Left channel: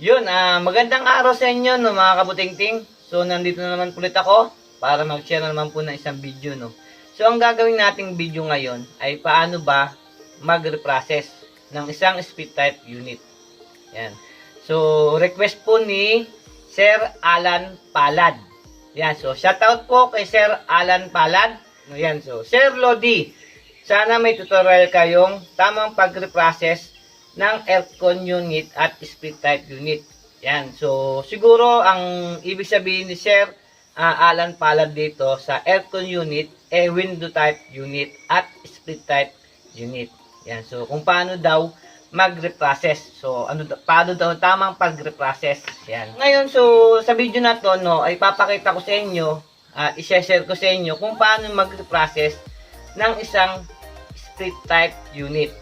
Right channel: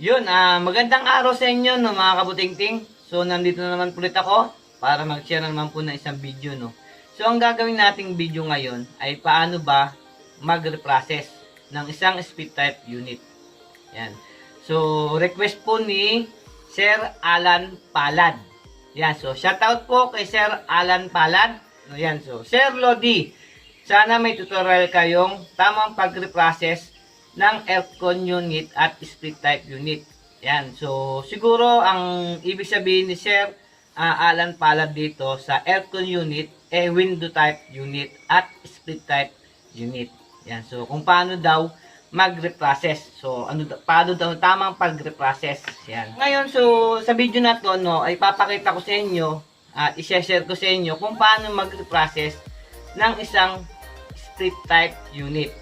Yun, magandang araw sa inyo, no, mga kabutingting. So, nandito na naman ulit ako para mag-share na naman po ng isang video, no. So, ang gagawin nating video ngayon ay paano ba mag-reprocess ng isang split type unit. Yan. So, request po ni Sir Alan Palad. Yan. So, shoutout po kay Sir Alan Palad. Yan. So, Sir Lodi, sana may tutorial kayong tamang pag-reprocess ng aircon unit at split type unit. Yan. So, siguro ang ibig sabihin ni Sir Alan Palad dito sa aircon unit, window type unit at split type unit. Yan. So, kung paano daw mag-reprocess. So, paano daw tamang pag-reprocess. Yan. Ngayon, so, sa video na to, no, ay papakita ko sa inyo at i-share ko sa inyo kung paano mag-reprocess ng isang split type unit.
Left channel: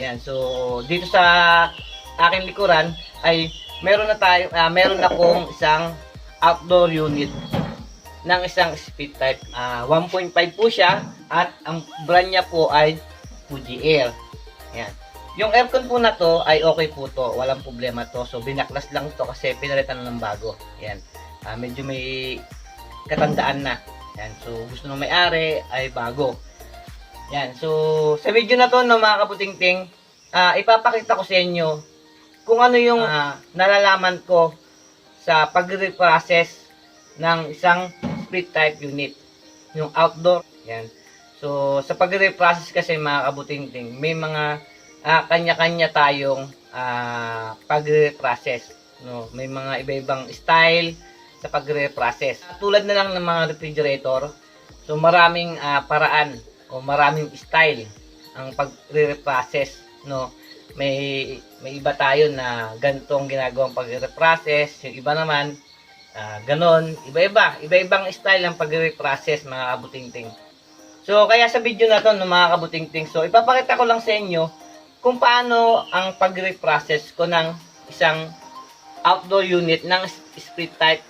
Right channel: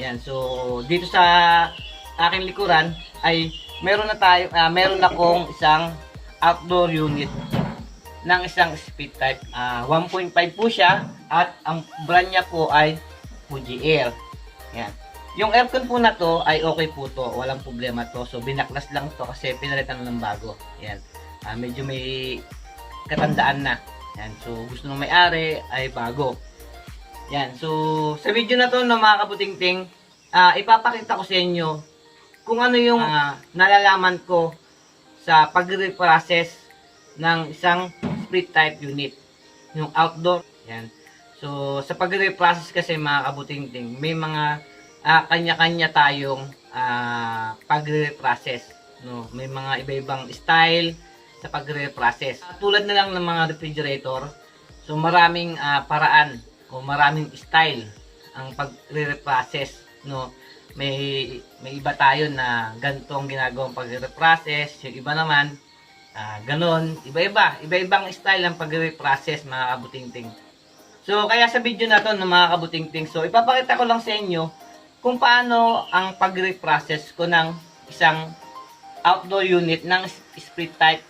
Yan. So, dito sa aking likuran ay meron akong isang outdoor unit ng isang split type. 1.5 po siya at ang brand niya po ay Fuji Air. Yan. Yung aircon po na to ay okay po to. Walang problema to. So, binaklas lang to kasi pinalitan na ng bago. Yan. Medyo may katandaan na. Yan. So, gusto ng may-ari ay bago. Yan. So, sa video na to, no, mga kabutingting, ipapakita ko sa inyo kung ano yung nalalaman ko sa pag-reprocess ng isang split type unit. Yung outdoor. Yan. So, sa pag-reprocess kasi, mga kabutingting, may mga kanya-kanya tayong pag-reprocess. No? May mga iba-ibang style sa pag-reprocess. Tulad na lang ng mga refrigerator, so maraming paraan o maraming style ang pag-reprocess, no. May iba tayo na ganito ang ginagawang pag-reprocess, yung iba naman ganon, iba-ibang style ang pag-reprocess, mga kabutingting. So kaya sa video na to, no, mga kabutingting, so ipapakita ko lang sa inyo kung paano ang pag-reprocess ko ng isang outdoor unit ng split type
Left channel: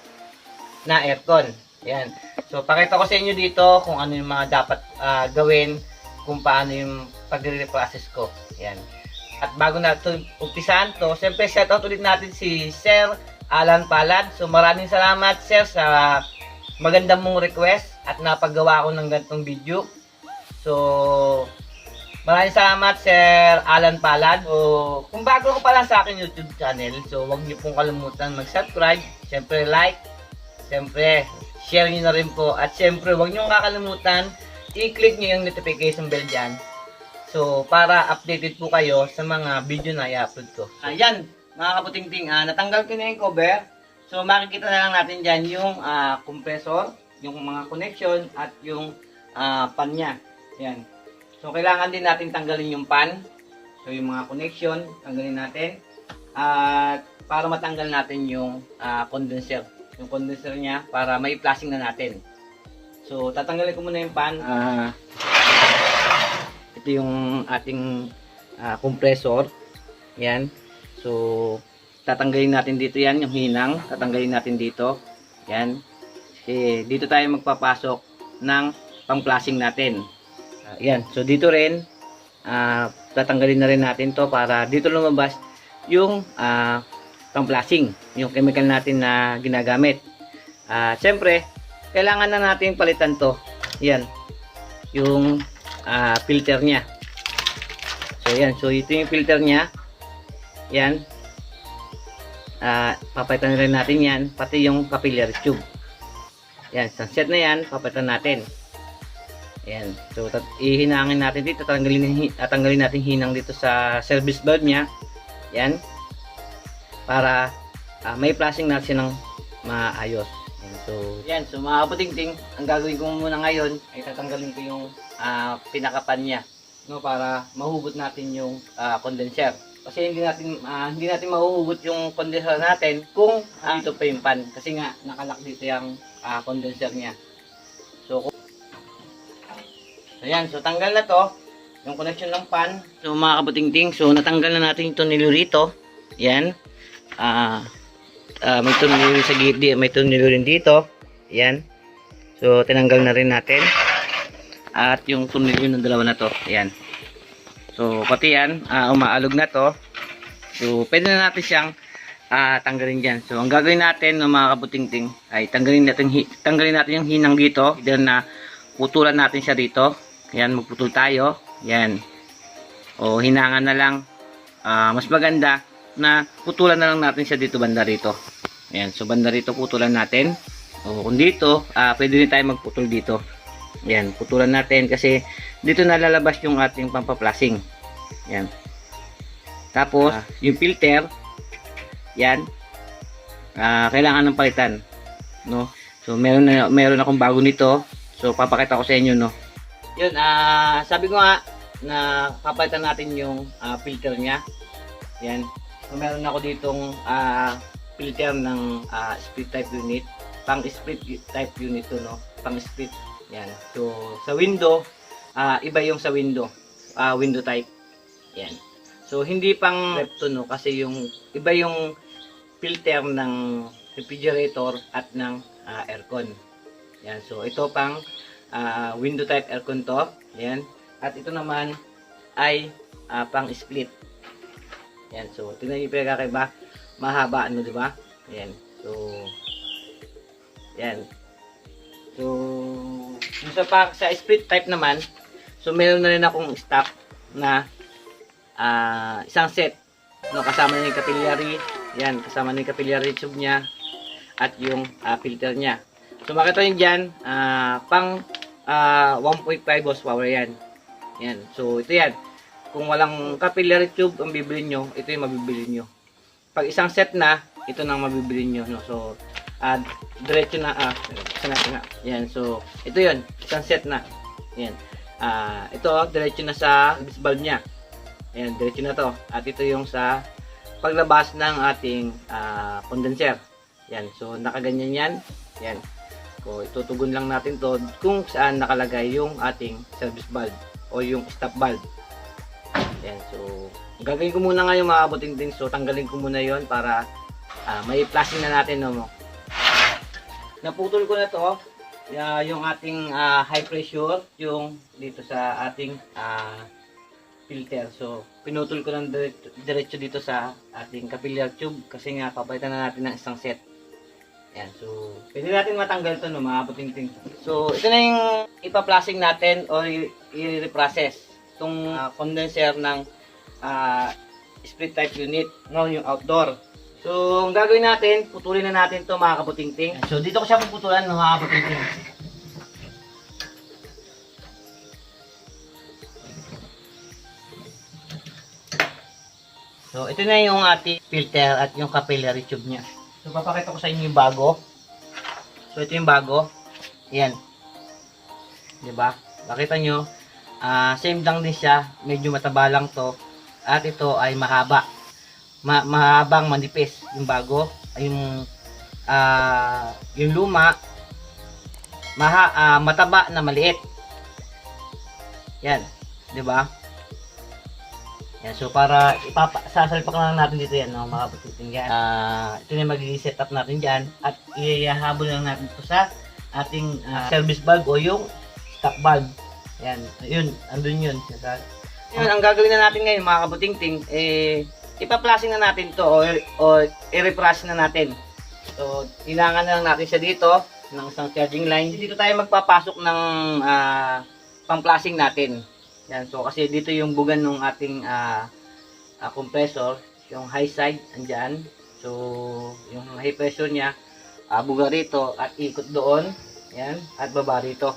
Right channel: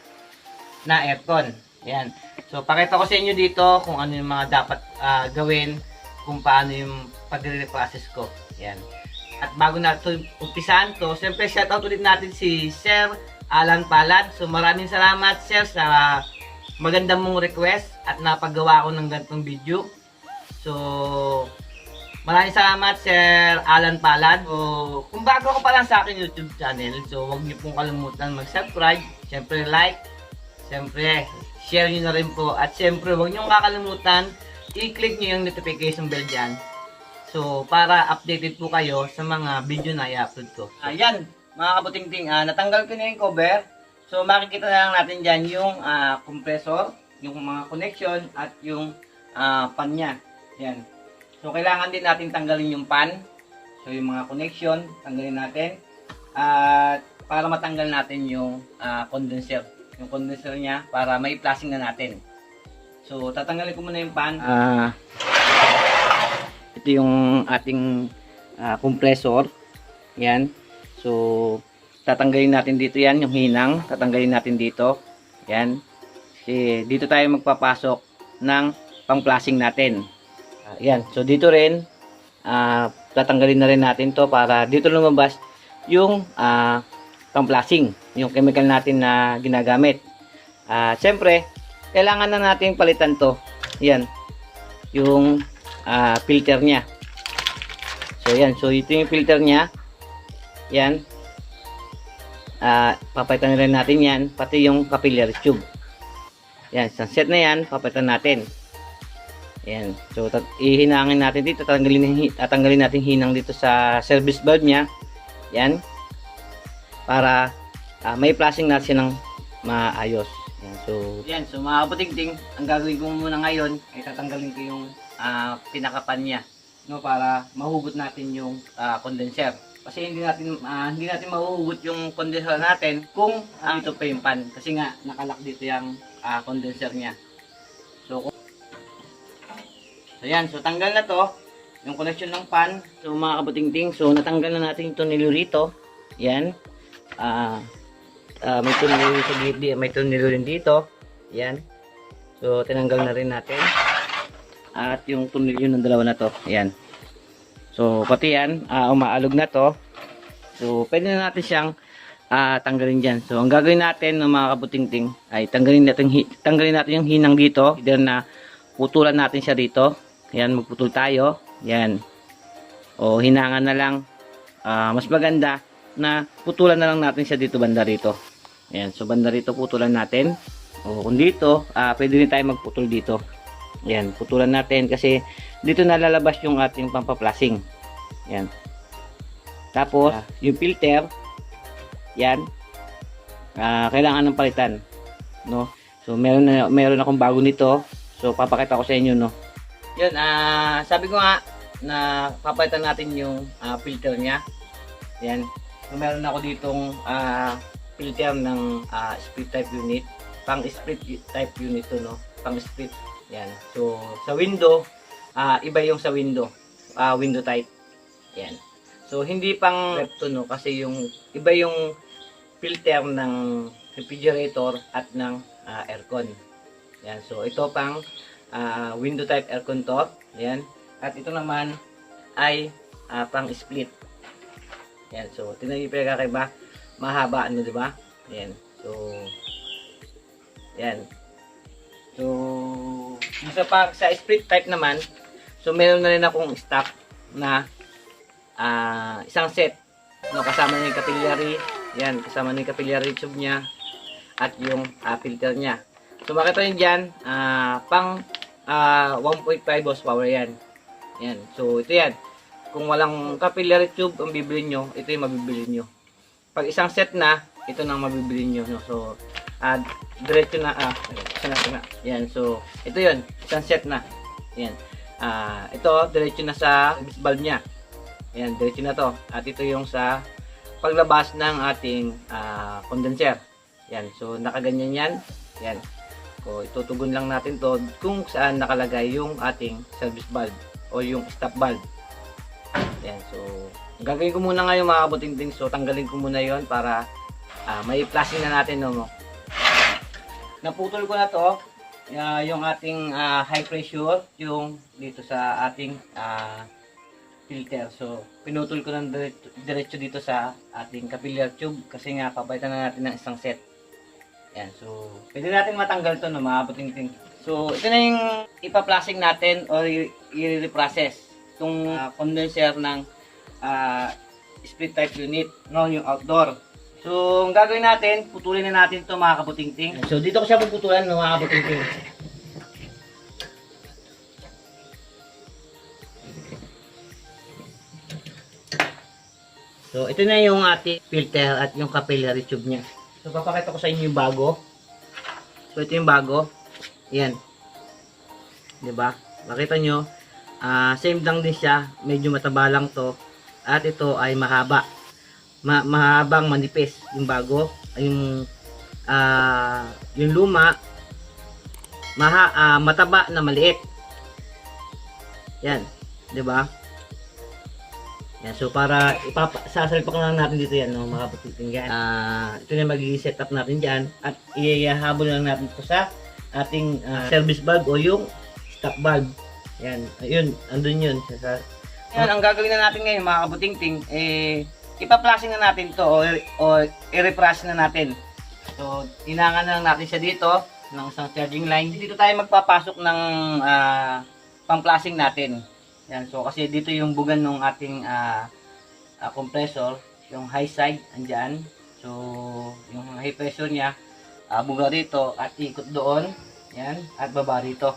na aircon. Yan. So, pakita ko sa inyo dito kung ano yung mga dapat gawin, kung paano yung pag-reprocess ko. Yan. At bago na ito umpisahan to, siyempre shoutout ulit natin si Sir Alan Palad. So, maraming salamat, Sir, sa magandang mong request at napagawa ko ng ganitong video. So, maraming salamat, Sir Alan Palad. So, kung bago ko pa lang sa akin YouTube channel, so huwag niyo pong kalimutan mag-subscribe, siyempre like, siyempre share nyo na rin po. At syempre, huwag nyo kakalimutan, i-click nyo yung notification bell dyan. So, para updated po kayo sa mga video na i-upload ko. Ayan, mga kabutingting, natanggal ko na yung cover. So, makikita na lang natin dyan yung compressor, yung mga connection, at yung pan nya. Ayan. So, kailangan din natin tanggalin yung pan. So, yung mga connection, tanggalin natin. At para matanggal natin yung condenser. Yung condenser niya para may flashing na natin. So, tatanggalin ko muna yung pan. Ito yung ating compressor. Yan. So, tatanggalin natin dito yan, yung hinang. Tatanggalin natin dito. Yan. Dito tayo magpapasok ng pang-flashing natin. Yan. So, dito rin, tatanggalin na rin natin to para dito lumabas yung pang-flashing, yung chemical natin na ginagamit. Siyempre, kailangan na natin palitan to. Yan. Yung filter niya. So, yan. So, ito yung filter niya. Yan. Papalitan rin natin yan. Pati yung capillary tube. Yan. So, set na yan. Papalitan natin. Yan. So, ihinangin natin dito. Tatanggalin natin hinang dito sa service valve niya. Yan. Para may flashing na siya ng maayos. Yan. So, mga kabutingting, ang gagawin ko muna ngayon ay tatanggalin ko yung pinakapan niya, no, para mahugot natin yung condenser. Kasi hindi natin mahuhugot yung condenser natin kung dito pa yung pan. Kasi nga, nakalak dito yung condenser niya. So, yan. So, tanggal na to yung connection ng pan. So, mga kabutingting, so natanggal na natin ito nilurito. Yan. May tornilyo sa gilid, may tornilyo rin dito. Yan. So, tinanggal na rin natin. At yung tornilyo ng dalawa na to. Yan. So, pati yan, umaalog na to. So, pwede na natin siyang tanggalin dyan. So, ang gagawin natin ng mga kabutingting ay tanggalin natin yung hinang dito. Either na putulan natin siya dito. Yan, magputol tayo. Yan. O hinangan na lang. Mas maganda na putulan na lang natin siya dito, banda rito. Yan. So, banda rito putulan natin. O kung dito, pwede rin tayo magputol dito. Yan. Putulan natin kasi dito nalalabas yung ating pampaplasing. Yan. Tapos, yung filter, yan, kailangan ng palitan, no? So, meron akong bago nito. So, papakita ko sa inyo, no? Yun, sabi ko nga, na papalitan natin yung filter niya. Yan. So, meron ako ditong filter ng split type unit. Pang split type unit to, no? Pang split. Yan. So, sa window, iba yung sa window. Window type. Yan. So, hindi pang rep to, no? Kasi yung iba yung filter ng refrigerator at ng aircon. Yan. So, ito pang window type aircon to. Yan. At ito naman ay pang split. Yan. So, tingnan niyo yung pinagkakaiba. Mahaba, ano, di ba? Yan. So, yan. So, sa split type naman, so, meron na rin akong stock na isang set, no, kasama na yung capillary. Yan, kasama na yung capillary tube nya at yung filter nya. So makita nyo dyan, pang 1.5 horsepower yan. Yan, so ito yan. Kung walang capillary tube ang bibili nyo, ito yung mabibili nyo. Pag isang set na, ito nang mabibili nyo, no? So diretso na, yan, so ito yun, isang set na. Yan, ito diretso na sa valve nya. Ayan, diretso na to. At ito yung sa paglabas ng ating condenser. Yan, so nakaganyan yan. Yan. So itutugon lang natin to kung saan nakalagay yung ating service valve o yung stop valve. Yan, so gagawin ko muna ngayon mga kabutingting. So tanggalin ko muna yon para may flashing na natin, no? Naputol ko na to. Yung ating high pressure, yung dito sa ating filter. So, pinutol ko ng diretso dito sa ating capillary tube kasi nga papalitan na natin ng isang set. Yan. So, pwede natin matanggal to, no, mga kabutingting. So, ito na yung ipa-flashing natin or i-reprocess itong condenser ng split type unit, no, yung outdoor. So, ang gagawin natin, putulin na natin to, mga kabutingting. So, dito ko siya puputulan, no, mga kabutingting. So, ito na yung ating filter at yung capillary tube niya. So, papakita ko sa inyo yung bago. So, ito yung bago. Ayan. Diba? Makita nyo. Same lang din siya. Medyo mataba lang to. At ito ay mahaba. Mahabang manipis. Yung bago. Yung luma. Mataba na maliit. Yan. Diba? Yan, so para sasalpak lang natin dito yan, no, mga kabutingting. Ito na magiging setup natin dyan at ihahabol lang natin ito sa ating service valve o yung stop valve. Yan, yun, andun yun. Yan, ang gagawin na natin ngayon mga kabutingting, ipa-flashing na natin to o i-refresh na natin. So, inangan na lang natin siya dito ng isang charging line. Dito tayo magpapasok ng pang-flashing natin. Yan, so kasi dito yung bugan ng ating compressor, yung high side andyan. So yung high pressure niya buga rito at ikot doon. Yan, at baba rito.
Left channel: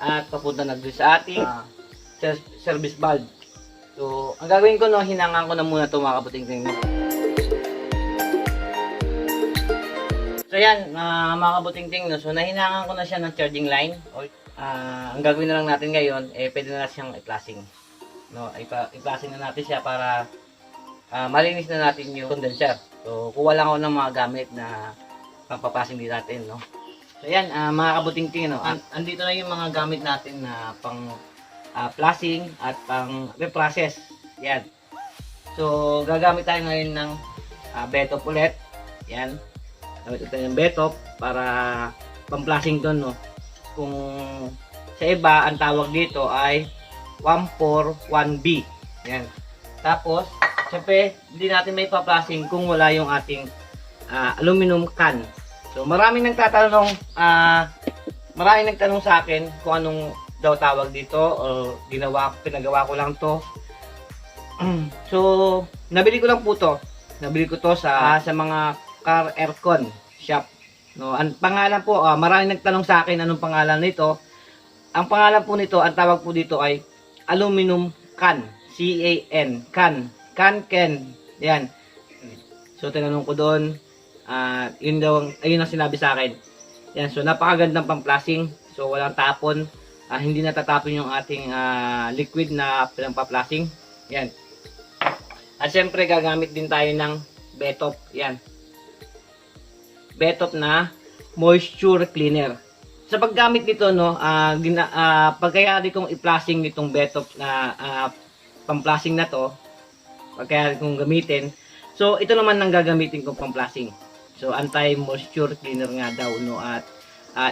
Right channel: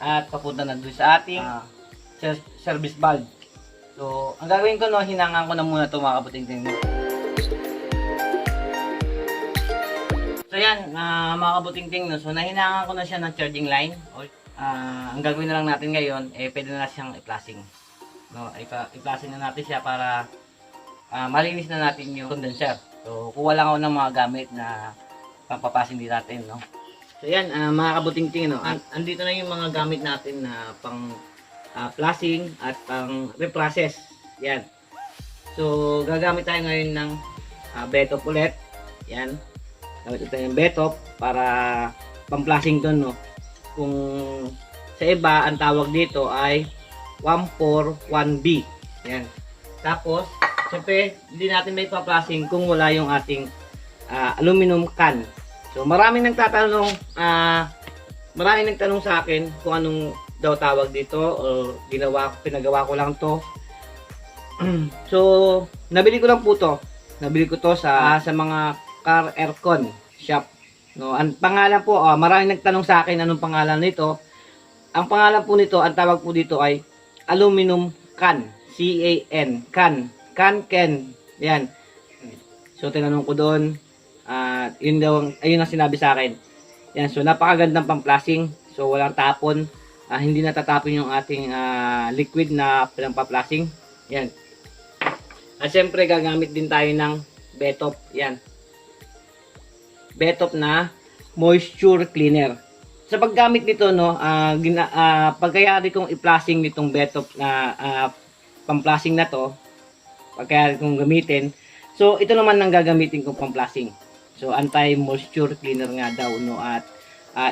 At papunta na doon sa ating service valve. So ang gagawin ko, no, hinangan ko na muna ito mga kabutingting. So yan, mga kabutingting, no, so nahinangan ko na siya ng charging line. Ang gagawin na lang natin ngayon, pwede na siyang i-flashing. No, i-flashing na natin siya para malinis na natin yung condenser. So, kuha lang ako ng mga gamit na pang-flashing din natin, no. So, yan, mga kabutingting, no. Andito na yung mga gamit natin na pang flashing at pang reprocess. Yan. So, gagamit tayo ngayon ng betop ulit. Yan. Gamit ito yung betop para pang-flashing to, no. Kung sa iba, ang tawag dito ay 141B. Yan. Tapos, Siyempre, hindi natin may paplasing kung wala yung ating aluminum can. So, maraming nagtanong sa akin kung anong daw tawag dito o pinagawa ko lang to. So, nabili ko lang po to. Nabili ko to sa mga car aircon shop. No, ang pangalan po, maraming nagtanong sa akin anong pangalan nito. Ang pangalan po nito, ang tawag po dito ay aluminum can. C-A-N. Can. Can. Yan. So, tinanong ko doon. Ayun ang sinabi sa akin. Yan. So, napakagandang pang-plasing. So, walang tapon. Hindi natatapon yung ating liquid na pang-plasing. Yan. At syempre, gagamit din tayo ng Betop. Yan. Betop na moisture cleaner. Sa paggamit nito, no, pagkayari kong i-plasing nitong Betop na pang-plasing na to, pagkayari kong gamitin. So, ito naman ang gagamitin kong pang-plasing. So, anti-moisture cleaner nga daw, no, at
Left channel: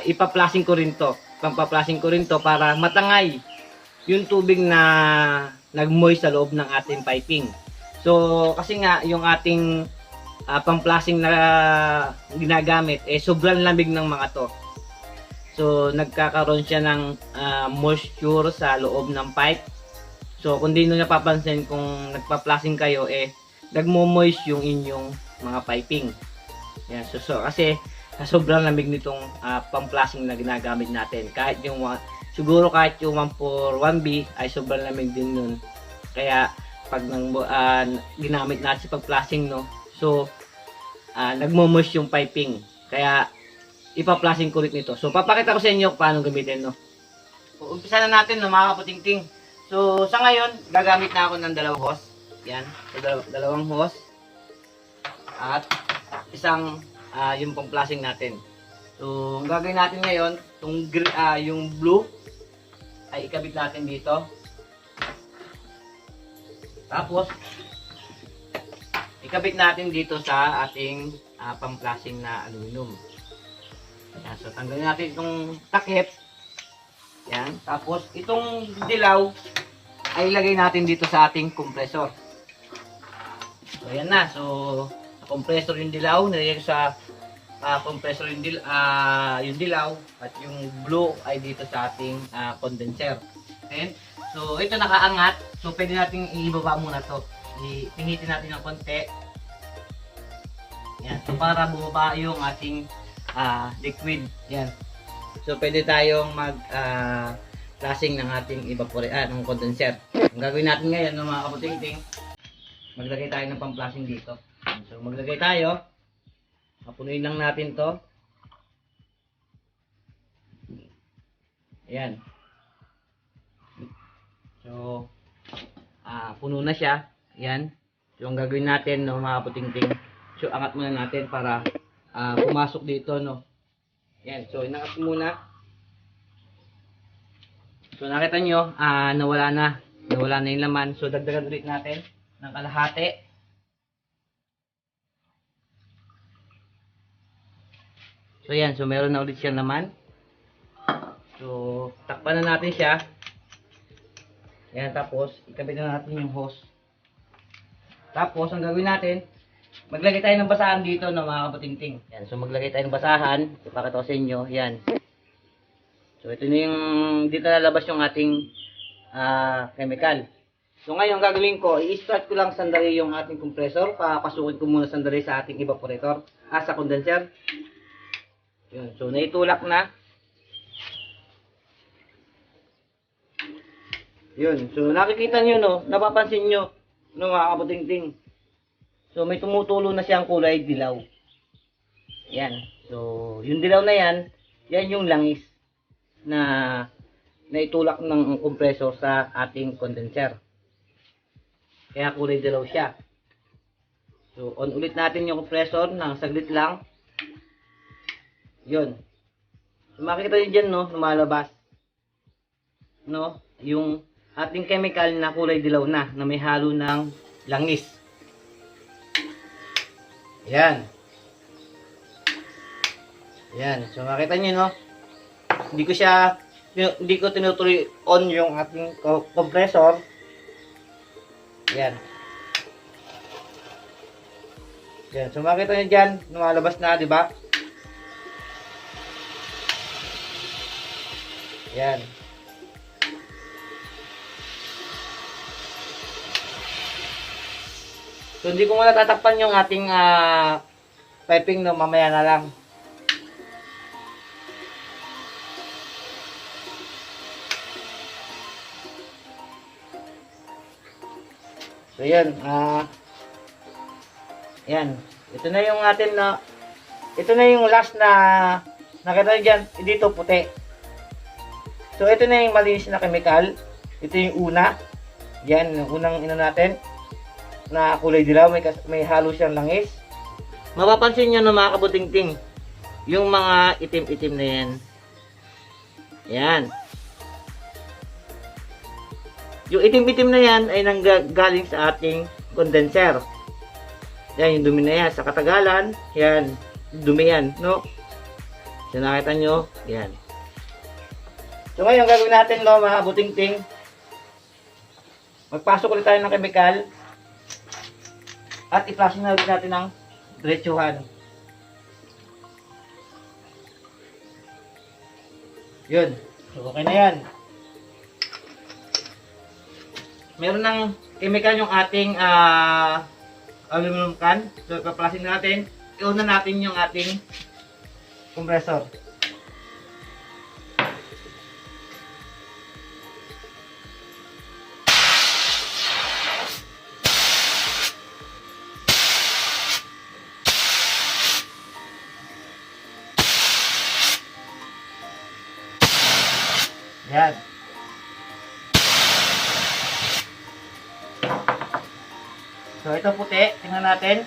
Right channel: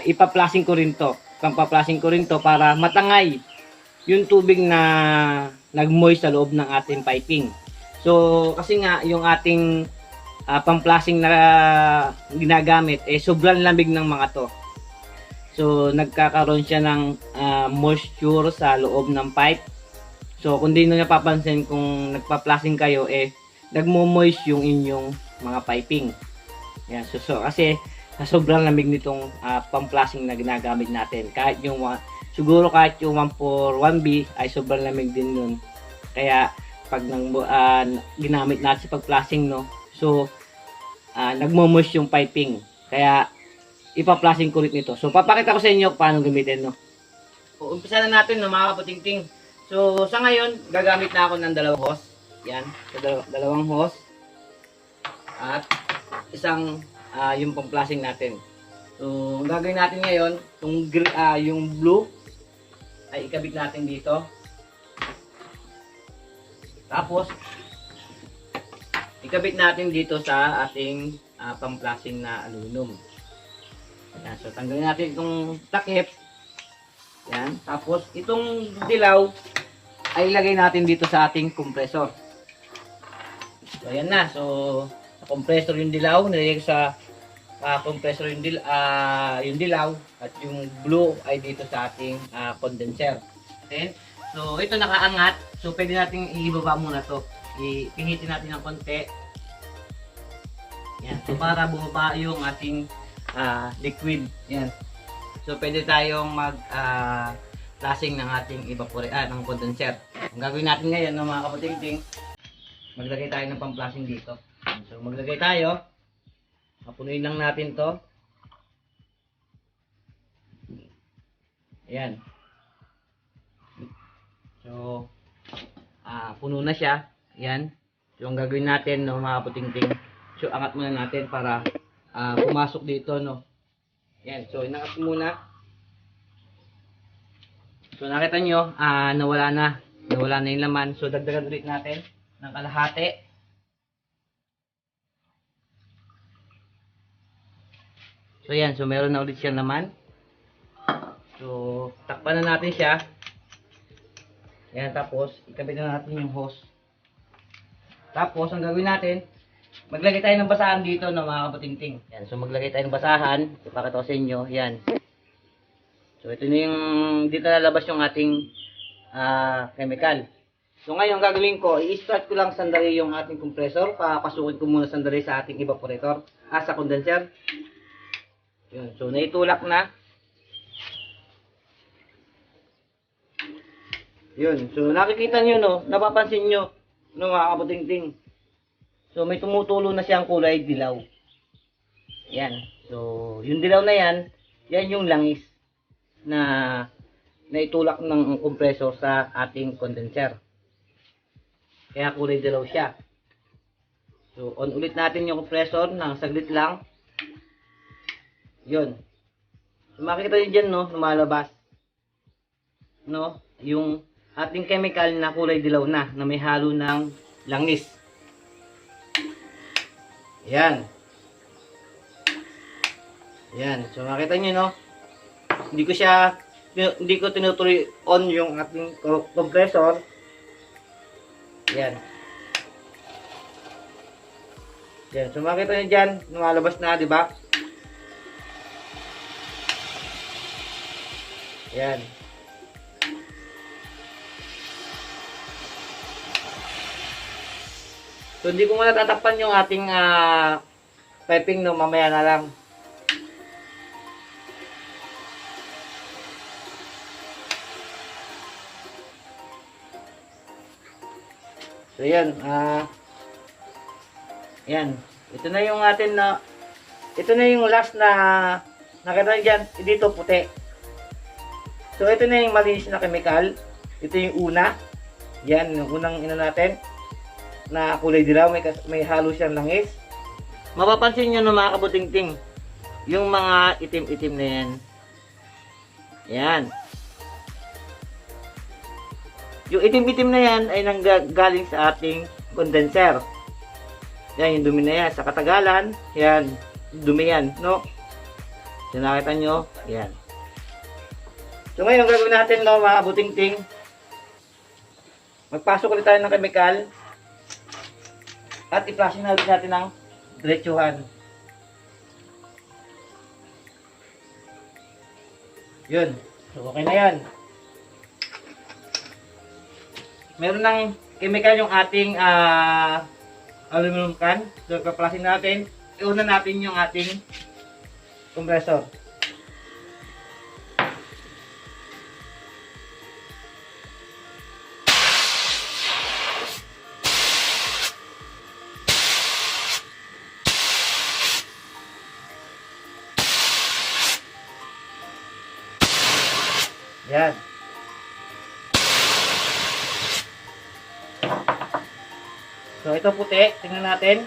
ipa-plasing ko rin to. Pang-plasing ko rin to para matangay yung tubig na nag-moist sa loob ng ating piping. So, kasi nga, yung ating pang-plasing na ginagamit, sobrang lamig ng mga to. So, nagkakaroon siya ng moisture sa loob ng pipe. So, kung di nyo napapansin, kung nagpa-plasing kayo, nagmo-moist yung inyong mga piping. Yan, so kasi sobrang lamig nitong pang-plasing na ginagamit natin. Kahit yung siguro kahit yung 141B ay sobrang lamig din nun. Kaya pag ginamit natin sa pag-plasing, no, so nagmo-moist yung piping. Kaya ipa-plasing ko rin nito. So papakita ko sa inyo paano gamitin, no. So, umpisa na natin, no, mga kaputingting. So sa ngayon gagamit na ako ng dalawang hose. Yan, so dalawang hose at isang yung pang-plasing natin. So ang gagawin natin ngayon, yung blue ay ikabit natin dito. Tapos ikabit natin dito sa ating pang-plasing na aluminum. Ayan, so tanggalin natin itong takip. Yan. Tapos itong dilaw ay ilagay natin dito sa ating compressor. So ayan na. So compressor yung dilaw, nilagay sa compressor yung dilaw at yung blue ay dito sa ating condenser. Then, so ito nakaangat. So pwede nating ibaba muna to. Ipihitin natin ng konti. Yan. So para bumaba yung ating liquid. Yan. So pwede tayong plasing ng ating ng condenser. Ang gagawin natin ngayon, mga kaputingting, maglagay tayo ng pang-plasing dito. So maglagay tayo. Papunuin lang natin to. Ayan. So puno na siya. Ayan. So ang gagawin natin, no, mga kaputingting, so angat muna natin para pumasok dito, no. Ayan. So inangat muna. So nakita nyo, nawala na yung laman. So dagdagan ulit natin ng kalahati. So yan, so meron na ulit siyang laman. So takpan na natin siya. Yan, tapos ikabit na natin yung hose. Tapos ang gagawin natin, maglagay tayo ng basahan dito, no, mga kaputingting. Yan, so maglagay tayo ng basahan. Ipakita ko sa inyo, yan. So ito na yung dito lalabas yung ating chemical. So ngayon gagawin ko, i-start ko lang sandali yung ating compressor. Papasukin ko muna sandali sa ating evaporator, sa condenser. Yun, so naitulak na. Yun, so nakikita nyo, no, napapansin nyo, no, mga kaputingting. So may tumutulo na siyang kulay dilaw. Yan, so yung dilaw na yan, yan yung langis na naitulak ng compressor sa ating condenser. Kaya kulay dilaw siya. So on ulit natin yung compressor ng saglit lang. Yun. So makikita nyo dyan, no, lumalabas, no, yung ating chemical na kulay dilaw na may halo ng langis. Yan. Yan. So makita nyo, no, hindi ko tinutuloy on yung ating compressor. Yan. Yan. So makita nyo dyan, lumalabas na, di ba? Yan. So hindi ko muna tatakpan yung ating piping, no, mamaya na lang. So yan, yan. Ito na yung atin na, ito na yung last na nakita nyo dyan, dito puti. So ito na yung malinis na chemical. Ito yung una. Yan, yung unang ina natin na kulay dilaw, may halo siyang langis. Mapapansin nyo na mga kabutingting, yung mga itim-itim na yan. Yan. Yung itim-itim na yan ay nanggagaling sa ating condenser. Yan, yung dumi na yan. Sa katagalan, yan, dumi yan, no? So, nakita nyo, yan. So, ngayon, gagawin natin, no, mga kabutingting, magpasok ulit tayo ng chemical at i-flushing na ulit natin ng diretsuhan. Yun. So, okay na yan. Meron ng chemical yung ating aluminum can. So, ipa-flushing natin. Iuna natin yung ating compressor. Yan. So, ito puti. Tingnan natin.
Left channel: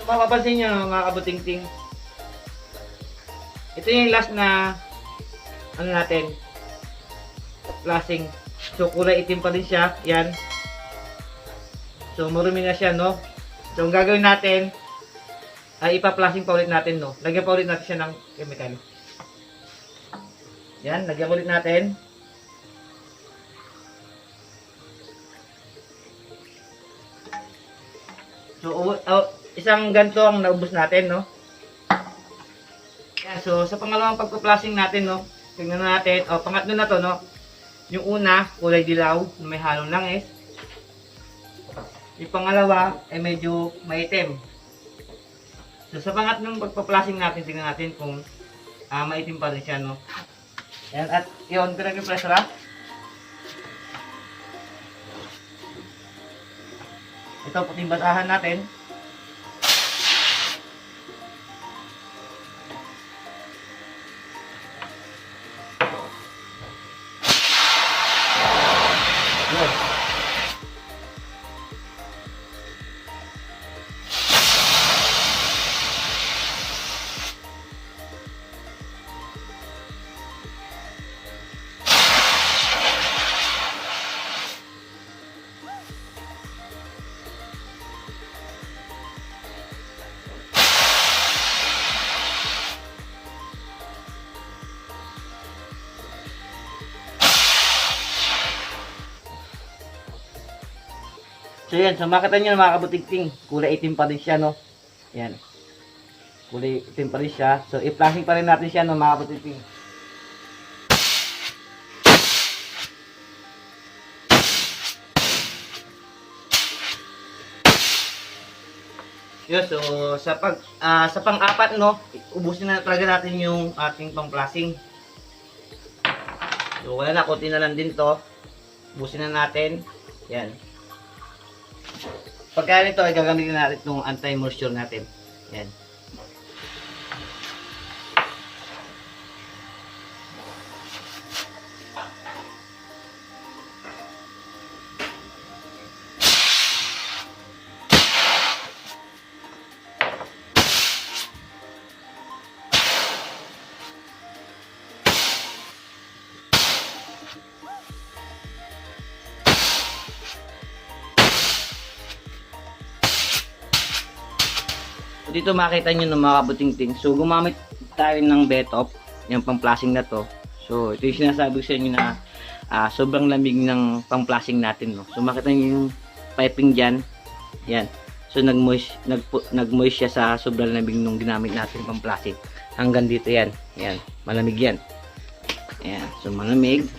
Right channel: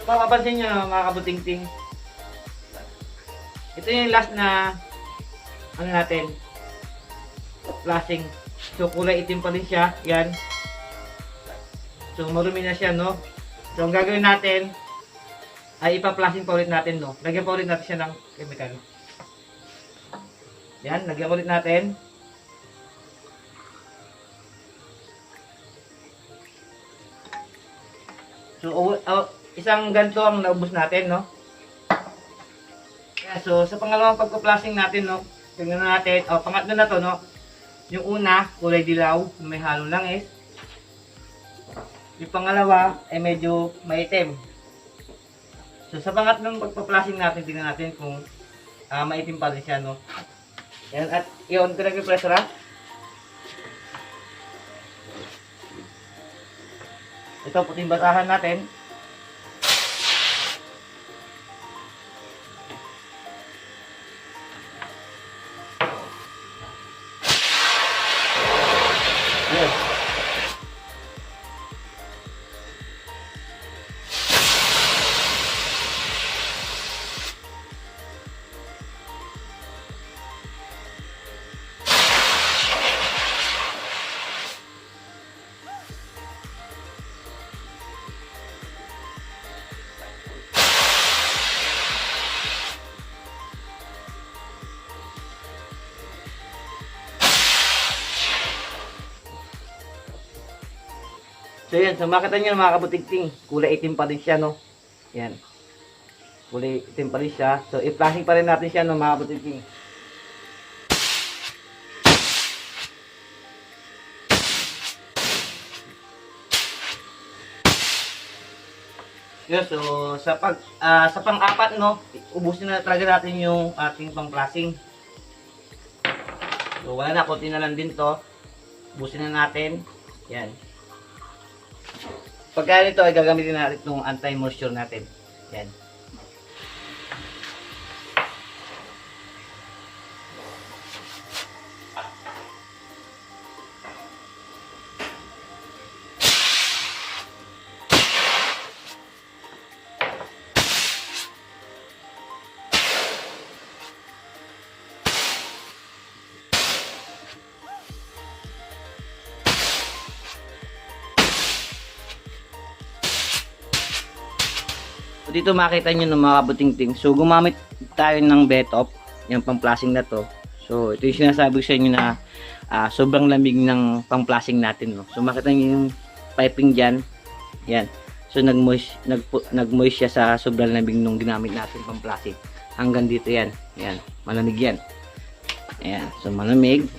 So, mapapansin nyo, mga kabutingting, ito yung last na ano natin, flashing. So, kulay itim pa rin siya. Yan. So, marumi na siya, no? So, ang gagawin natin ay ipa-flashing pa ulit natin, no? Lagyan pa ulit natin siya ng chemical. Yan, lagyan ulit natin. So, isang ganito ang naubos natin, no? Yan, so, sa pangalawang pagpa-flashing natin, no? Tingnan natin. O, pangatlo na to, no? Yung una, kulay dilaw, may halong langis. Yung pangalawa, ay medyo maitim. So, sa pangatlong pagpa-flashing natin, tingnan natin kung maitim pa rin siya, no? Yan, at i-on ko na yung pressure, ha? Ito, puting basahan natin. Good. So yan, so makita nyo mga kabutingting, kulay itim pa rin siya, no? Yan. Kulay itim pa rin siya. So i-flashing pa rin natin siya, no, mga kabutingting. Yun, so sa pang-apat, no, ubusin na talaga natin yung ating pang-flashing. So wala na, konti na lang din to. Ubusin na natin. Yan. Pagka nito ay gagamitin natin itong anti-moisture natin. Yan. So, dito makita nyo ng mga kabuting-ting. So, gumamit tayo ng Betop, yung pang-flashing na to. So, ito yung sinasabi ko sa inyo na sobrang lamig ng pang-flashing natin. No? So, makita nyo yung piping dyan. Yan. So, nag-moist siya sa sobrang lamig nung ginamit natin pang-flashing. Hanggang dito yan. Yan. Malamig yan. Yan. So, malamig.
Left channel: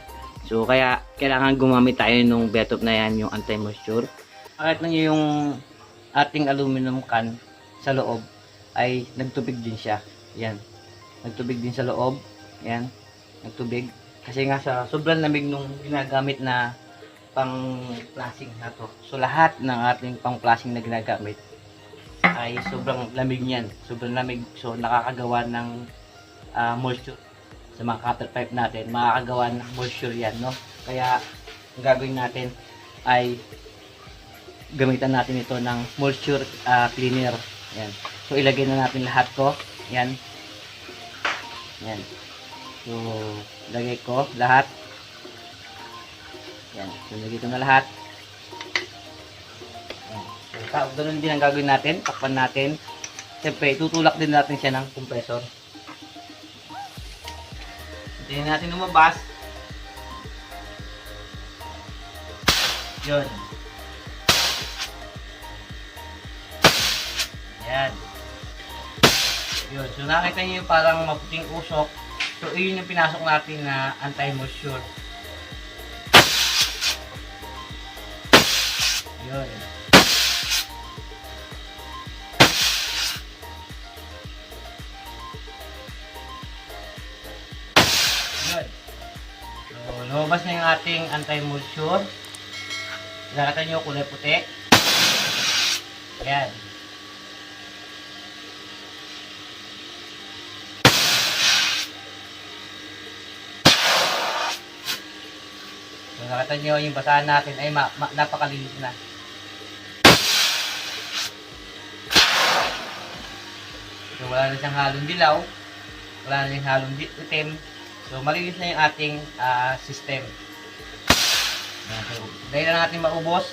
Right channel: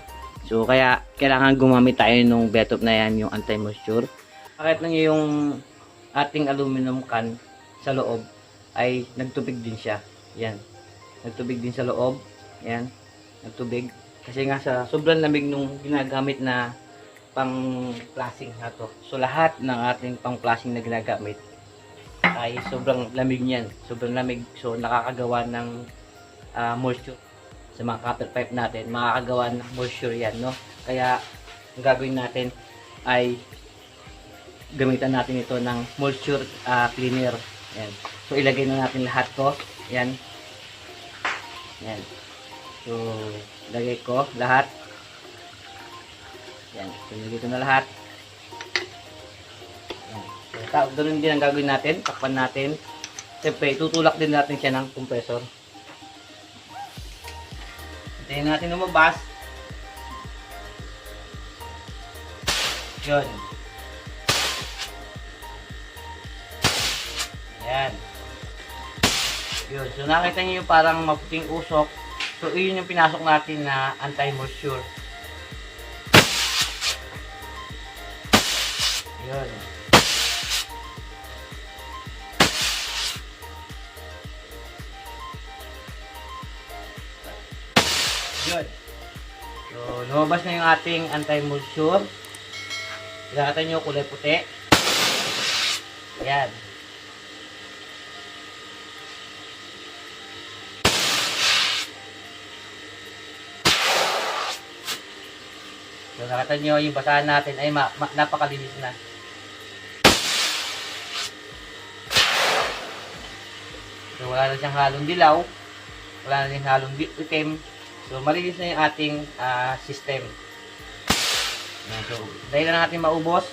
So, kaya kailangan gumamit tayo nung Betop na yan, yung anti-moisture. Makita nyo yung ating aluminum can sa loob ay nagtubig din siya. Yan. Nagtubig din sa loob. Yan. Nagtubig. Kasi nga sa sobrang lamig nung ginagamit na pang-flashing na to. So lahat ng ating pang-flashing na ginagamit ay sobrang lamig niyan. Sobrang lamig. So nakakagawa ng moisture sa mga cutter pipe natin. Makakagawa ng moisture yan, no? Kaya ang gagawin natin ay gamitan natin ito ng moisture cleaner. Yan. So, ilagay na natin lahat to. Yan. Yan. So, lagay ko lahat. Yan. So, lagay ko na lahat. Yan. So, ganun din ang gagawin natin. Takpan natin. Siyempre, tutulak din natin siya ng compressor. Hintayin natin lumabas. Yun. Yan. Yun. So, nakita nyo yung parang maputing usok. So, yun yung pinasok natin na anti-moisture. Yun. Yun. So, lumabas na yung ating anti-moisture. Nakita nyo kulay puti. Yan. So, nakita nyo yung basahan natin ay napakalinis na. So, wala na siyang halong dilaw. Wala na siyang halong itim. So, malinis na yung ating system. So, dahil na natin maubos.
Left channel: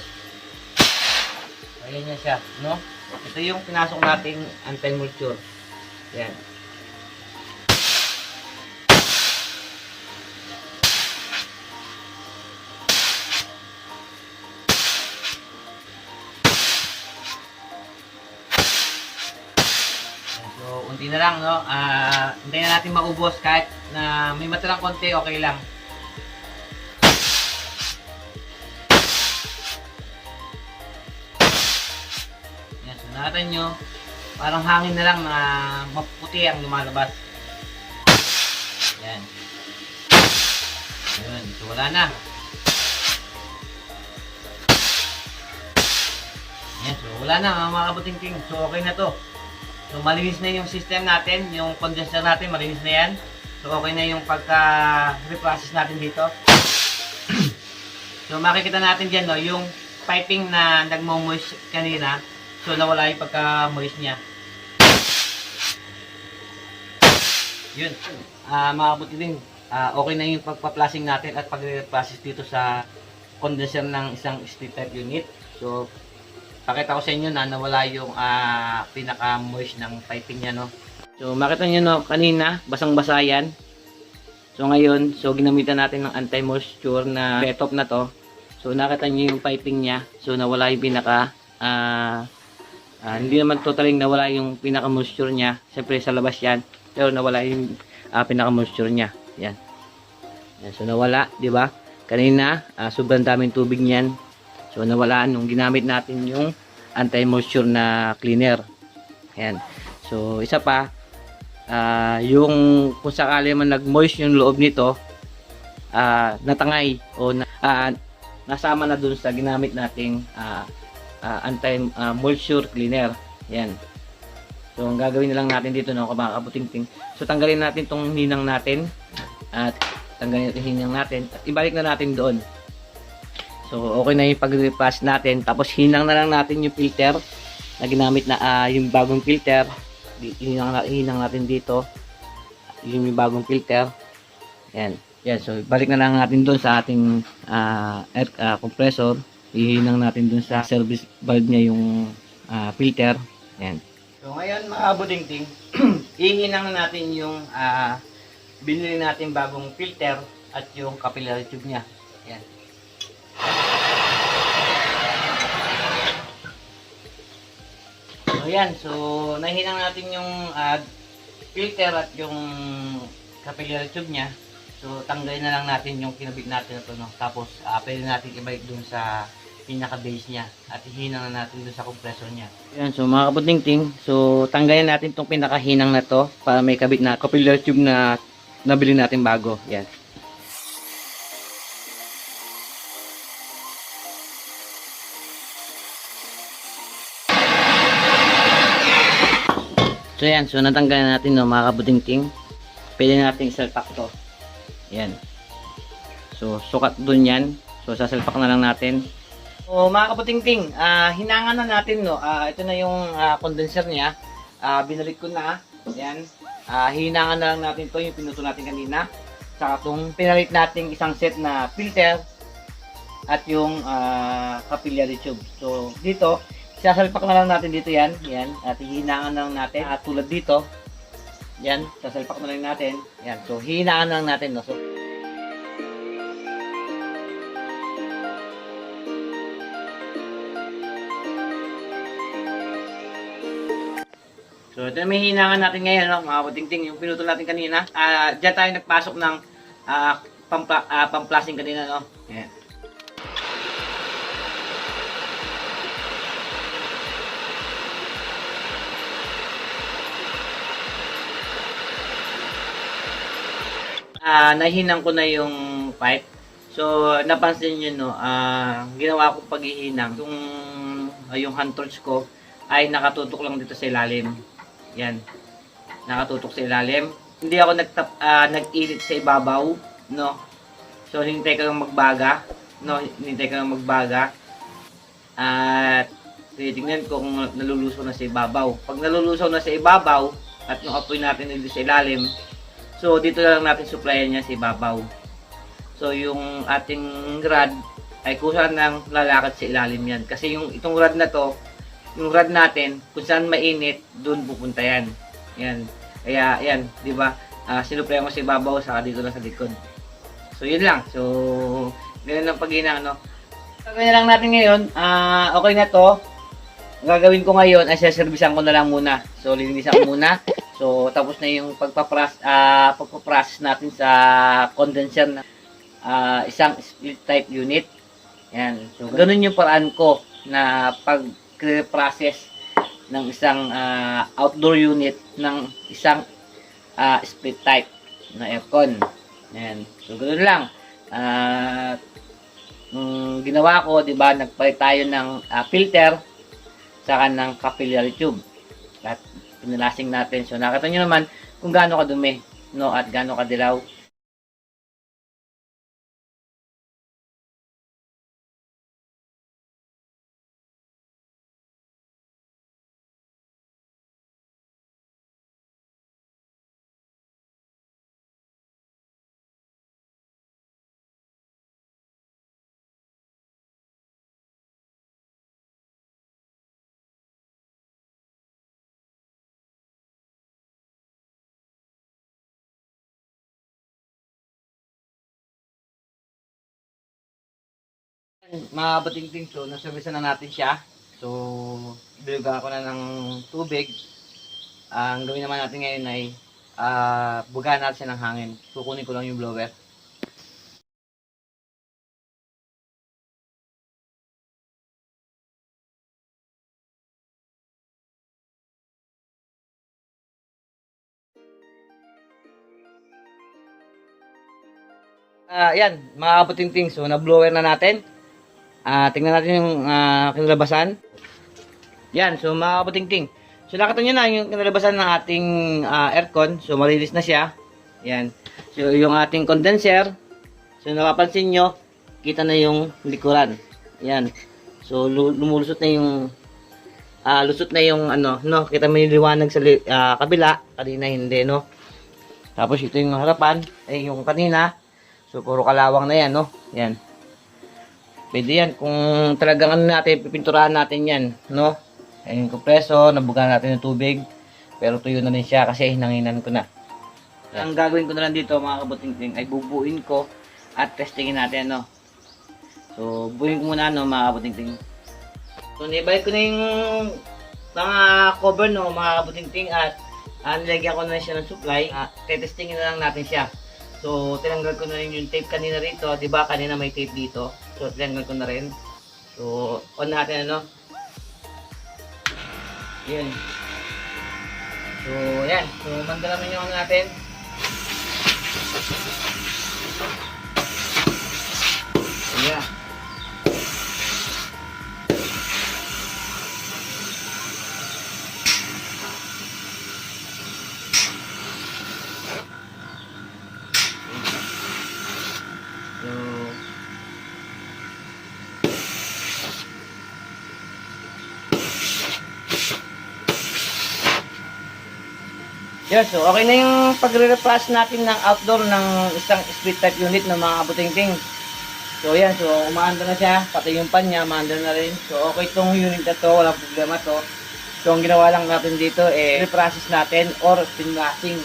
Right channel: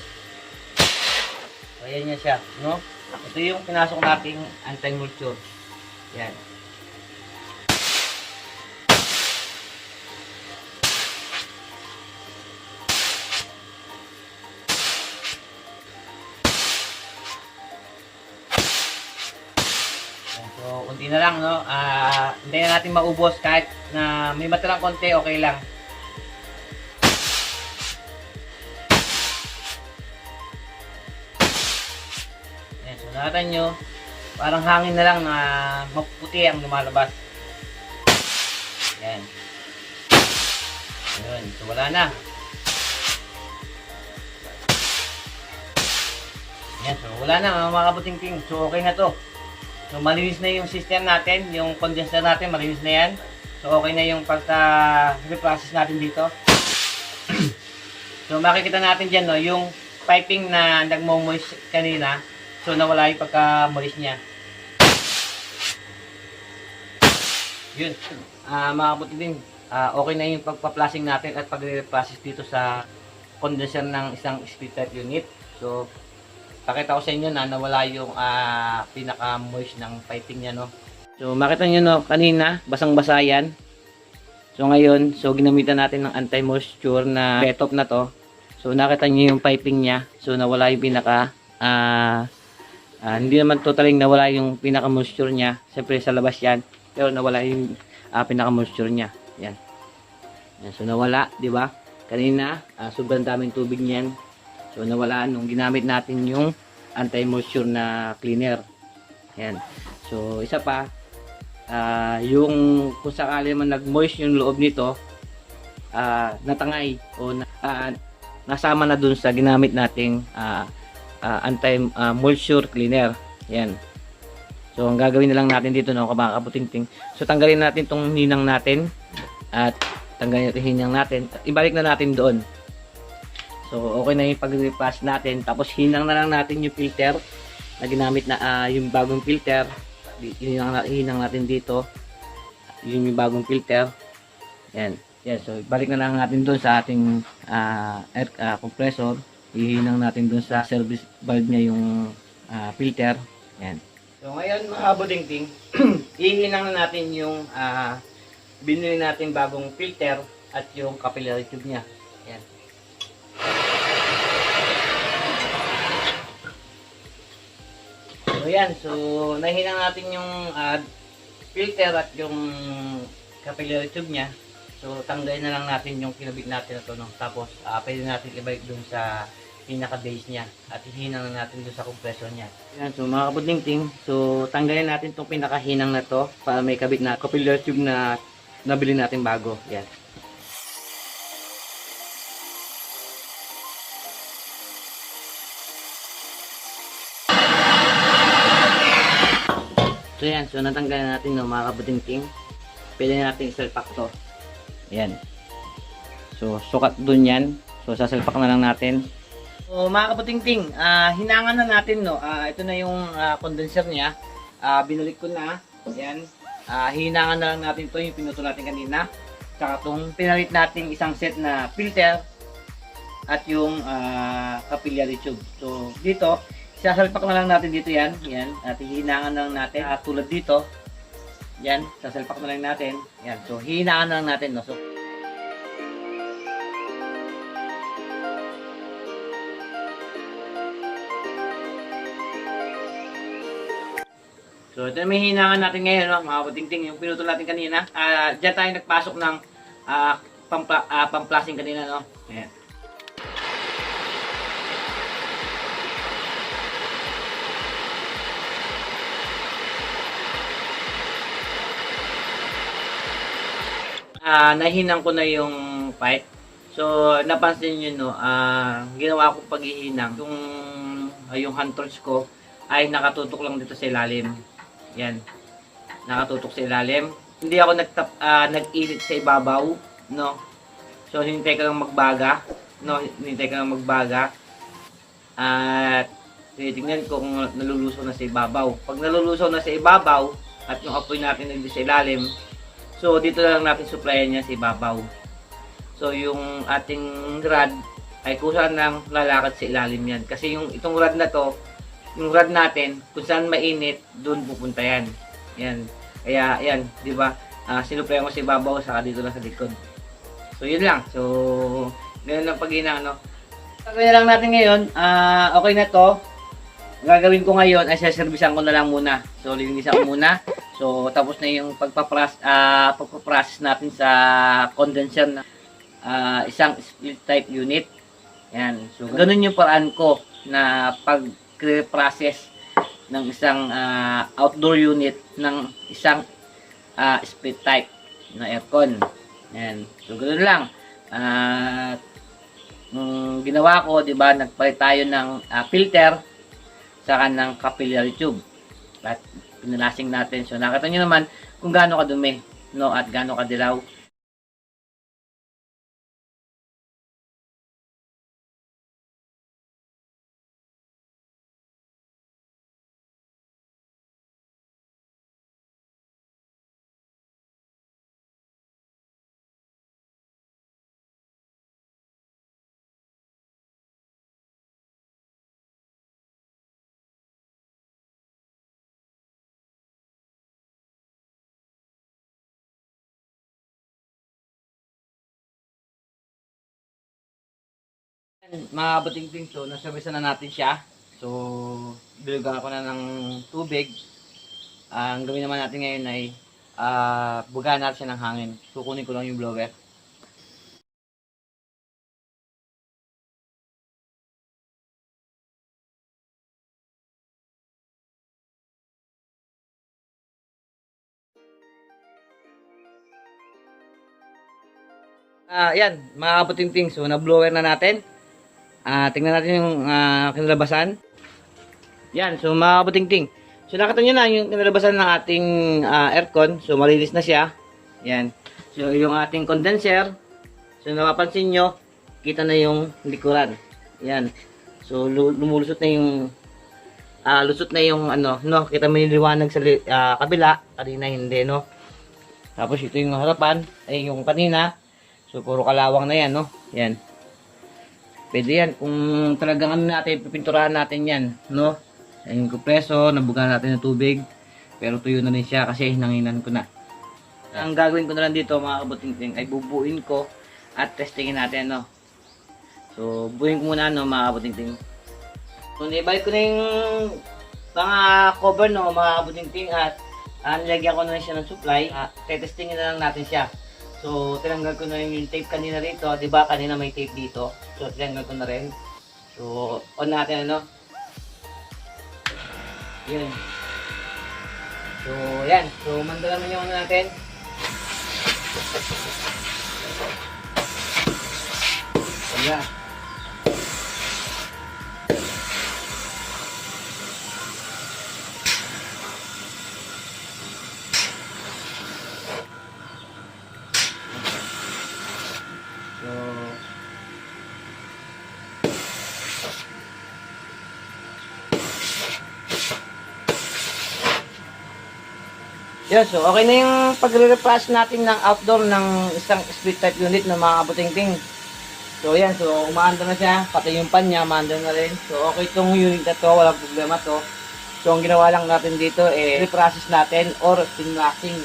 So, ayan niya siya, no? Ito yung pinasok nating anti-moisture. Yan. So, unti na lang, no? Hintayin na natin maubos kahit na may matalang konti, okay lang. Yan, so nakita nyo, parang hangin na lang na maputi ang lumalabas. Yan. Yun, so wala na. Yan, so wala na mga kabuting-ting. So okay na to. So, malinis na yung system natin, yung condenser natin, malinis na yan. So, okay na yung pagka-reprocess natin dito. So, makikita natin dyan, no, yung piping na nagmo-moist kanina. So, nawala yung pagka-moist niya. Yun. Mga kabuting, okay na yung pagpa-flashing natin at pag-reprocess dito sa condenser ng isang split type unit. So, pakita ko sa inyo na nawala yung pinaka-moist ng piping niya, no. So, makita nyo, no, kanina, basang-basa yan. So, ngayon, ginamitan natin ng anti-moisture na Betop na to. So, nakita nyo yung piping niya. So, nawala yung pinaka, hindi naman totaling nawala yung pinaka-moisture niya. Siyempre, sa labas yan. Pero, nawala yung pinaka-moisture niya. Yan. Yan. So, nawala, di ba? Kanina, sobrang daming tubig niyan. So, nawala nung ginamit natin yung anti-moisture na cleaner. Ayan. So, isa pa, yung kung sakali man nag-moist yung loob nito, natangay o nasama na dun sa ginamit nating anti-moisture cleaner. Ayan. So, ang gagawin na lang natin dito, no, mga kabuting-ting. So, tanggalin natin tong hinang natin at tanggalin natin hinang natin at ibalik na natin doon. So, okay na yung pag-repass natin. Tapos, hinang na lang natin yung filter na ginamit na yung bagong filter. Hinang natin dito. Yung bagong filter. Yan. Yan. So, balik na lang natin doon sa ating air compressor. Ihinang natin doon sa service valve niya yung filter. Yan. So ngayon mga kabudingting, ihinang na natin yung binili natin bagong filter at yung capillary tube niya. Ayan. So ayan, so nahinang natin yung filter at yung capillary tube niya. So tanggalin na lang natin yung kinabit natin na to, no? Tapos pwede natin ibalik dun sa pinaka-base niya at hihinang na natin dun sa compressor niya. Ayan, so mga kabudingting, so tanggalin natin tong pinaka-hinang na to para may kabit na capillary tube na nabili natin bago. Ayan. So yan, so natanggalan natin, no, mga kabudingting. Pwede natin isalpak to. Ayan. So sukat dun yan. So sasalpak na lang natin. So mga kabudingting, hinangan na natin, no. Ito na yung condenser niya. Binalik ko na. Ayan. Hinangan na lang natin to, yung pinuto natin kanina. Saka itong pinalit natin isang set na filter at yung capillary tube. So dito, sasalpak na lang natin dito yan. Yan. At hihinangan na lang natin. Tulad dito. Yan. Sasalpak na lang natin. Yan. So hihinangan na lang natin, no. So ito na may hinangan natin ngayon, no, mga kabudingting, yung pinuto natin kanina. Diyan tayo nagpasok ng pamplasing kanina, no. Ayan. Nahinang ko na yung pipe. So napansin niyo, no, ginawa ko paghihinang, yung hand torch ko ay nakatutok lang dito sa ilalim. Yan. Nakatutok sa ilalim. Hindi ako nag-init sa ibabaw, no. So hinintay ko lang magbaga, no, hinintay ko lang magbaga. At titingnan ko kung nalulusaw na sa ibabaw. Pag nalulusaw na sa ibabaw at yung apoy natin dito sa ilalim, so dito na lang natin supplyan niya sa ibabaw. So yung ating rod ay kusa nang lalakad sa ilalim yan. Kasi yung itong rod na to, yung rod natin, kung saan mainit, doon pupunta yan. Yan. Kaya, yan, di ba? Sinuplayan ko sa ibabaw, saka dito lang sa likod. So, yun lang. So, ganun lang paghinang, no? Gagawin lang natin ngayon. Okay na to. Ang gagawin ko ngayon ay saservisan ko na lang muna. So, lilinisan ko muna. So, tapos na yung pagpaprocess natin sa condenser na isang split type unit. Yan. So, ganun yung paraan ko na pag-process ng isang outdoor unit ng isang split type na aircon. Yan. So, ganoon lang. Ginawa ko, di ba, nagpalit tayo ng filter saka ng capillary tube. At pinalasing natin. So, nakita nyo naman kung gaano kadumi, no, at gaano kadilaw. Mga batingting, so naservisan na natin siya. So bilugan ako na ng tubig. Ang gawin naman natin ngayon ay bugahan natin siya ng hangin. Kukunin ko lang yung blower. Yan, mga kaputingting, so na-blower na natin. Tingnan natin yung kinalabasan. Yan, so mga kaputingting. So nakita nyo na yung kinalabasan ng ating aircon. So malinis na siya. Yan. So yung ating condenser. So napapansin nyo, kita na yung likuran. Yan. So lumulusot na yung lusot na yung ano, no, kita mo yung liwanag sa kabila. Kanina hindi, no. Tapos ito yung harapan, ay yung kanina. So, puro kalawang na yan, no? Yan. Pwede yan. Kung talagang ano natin, pipinturahan natin yan, no? Ayun yung kompreso, nabugan natin ng tubig. Pero tuyo na rin siya kasi hinanginan ko na. Ang gagawin ko na lang dito mga kabutingting ay bubuin ko at testingin natin, no. So, buuin ko muna, no, mga kabutingting. So, nibalik ko na yung mga cover, no, mga kabutingting, at nilagyan ko na rin siya ng supply. Tetestingin na lang natin siya. So, tinanggal ko na rin yung tape kanina rito. Diba, kanina may tape dito. So, tinanggal ko na rin. So, on natin, ano. Yun. So, yan. So, mandala naman yung ano natin. Yeah. Yes, so okay na yung pagre-replace natin ng outdoor ng isang split type unit ng mga kabutingting. So yan, so umaanda na siya, pati yung pan niya, umaanda na rin. So okay itong unit na to, walang problema to. So ang ginawa lang natin dito reprocess natin or pinlasing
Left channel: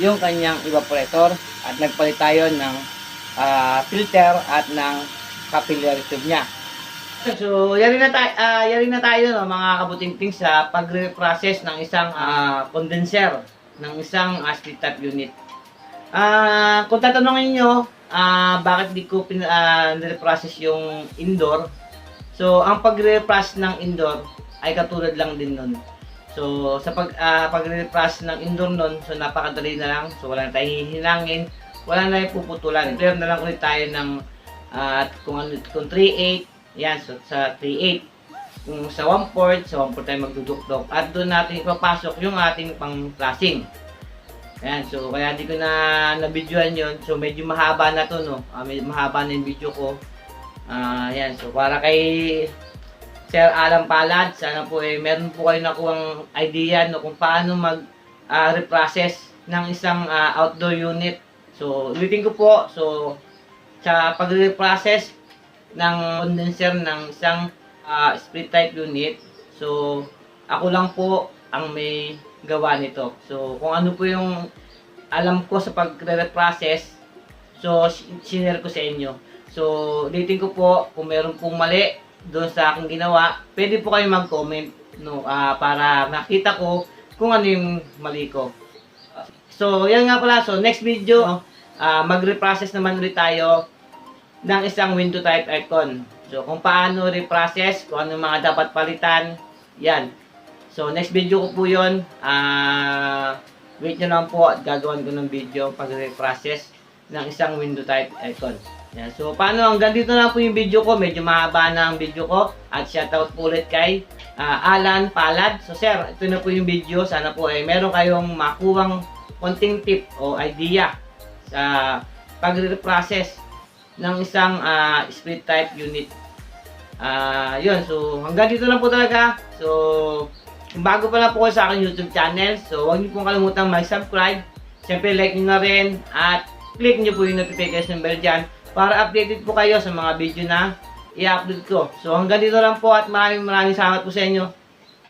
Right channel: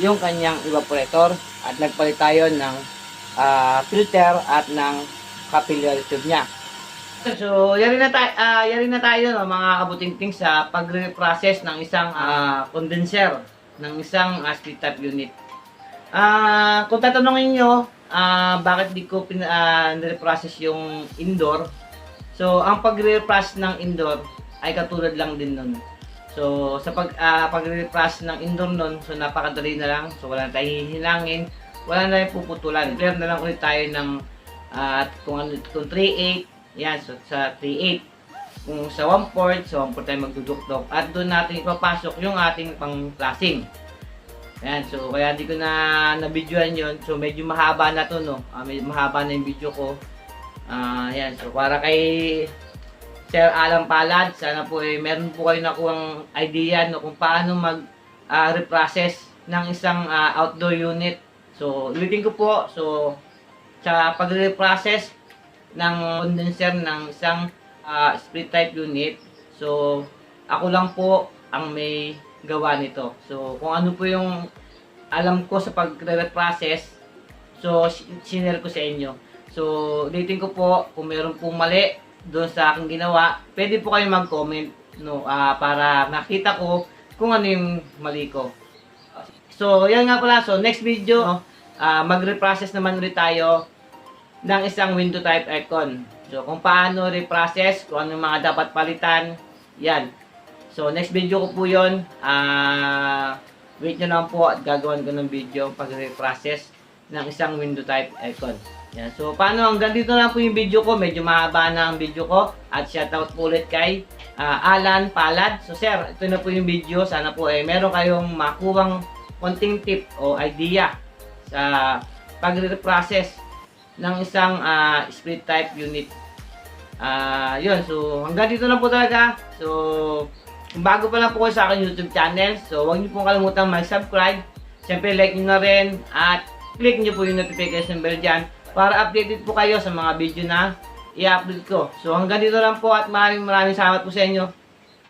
yung kanyang evaporator at nagpalit tayo ng filter at ng capillary tube niya. So yari na tayo no, mga kabutingting sa pagre-process ng isang condenser ng isang split type unit. Kung tatanungin nyo, bakit di ko nire-process yung indoor? So, ang pagre-process ng indoor ay katulad lang din nun. So, sa pagre-process ng indoor nun, so napakadali na lang. So, wala na tayong hihinangin, wala na tayong puputulan. Clear na lang ulit tayo ng kung 3/8, yan, so sa 3/8. Kung sa 1/4, sa 1/4 tayo magdudukdok. At doon natin ipapasok yung ating pang-flashing. Ayan, so kaya di ko na na-videoan yun. So medyo mahaba na to, no. Medyo mahaba na yung video ko. Ayan, so para kay Sir Alan Palad, sana po meron po kayo nakuhang idea, no, kung paano reprocess ng isang outdoor unit. So ulitin ko po, so sa pag-reprocess ng condenser ng isang split type unit, so ako lang po ang may gawa nito. So kung ano po yung alam ko sa pagre-reprocess, so sinare ko sa inyo. So ulitin ko po, kung meron pong mali doon sa aking ginawa, pwede po kayo mag-comment, no, para makita ko kung ano yung mali ko. So yan nga pala, so next video, mag-reprocess naman ulit tayo ng isang window type aircon. So, kung paano reprocess, kung ano mga dapat palitan, yan. So, next video ko po yun. Wait nyo lang po at gagawin ko ng video pag-reprocess ng isang window type aircon. Yan. So, paano, hanggang dito na po yung video ko. Medyo mahaba na ang video ko. At shoutout po ulit kay Alan Palad. So, sir, ito na po yung video. Sana po meron kayong makuhang konting tip o idea sa pag-reprocess ng isang split type unit. Yun, so hanggang dito lang po talaga. So kung bago pa lang po kayo sa aking YouTube channel, so huwag niyo pong kalimutang mag-subscribe. Siyempre like niyo na rin at click niyo po yung notification bell dyan para updated po kayo sa mga video na i-upload ko. So hanggang dito lang po at maraming salamat po sa inyo.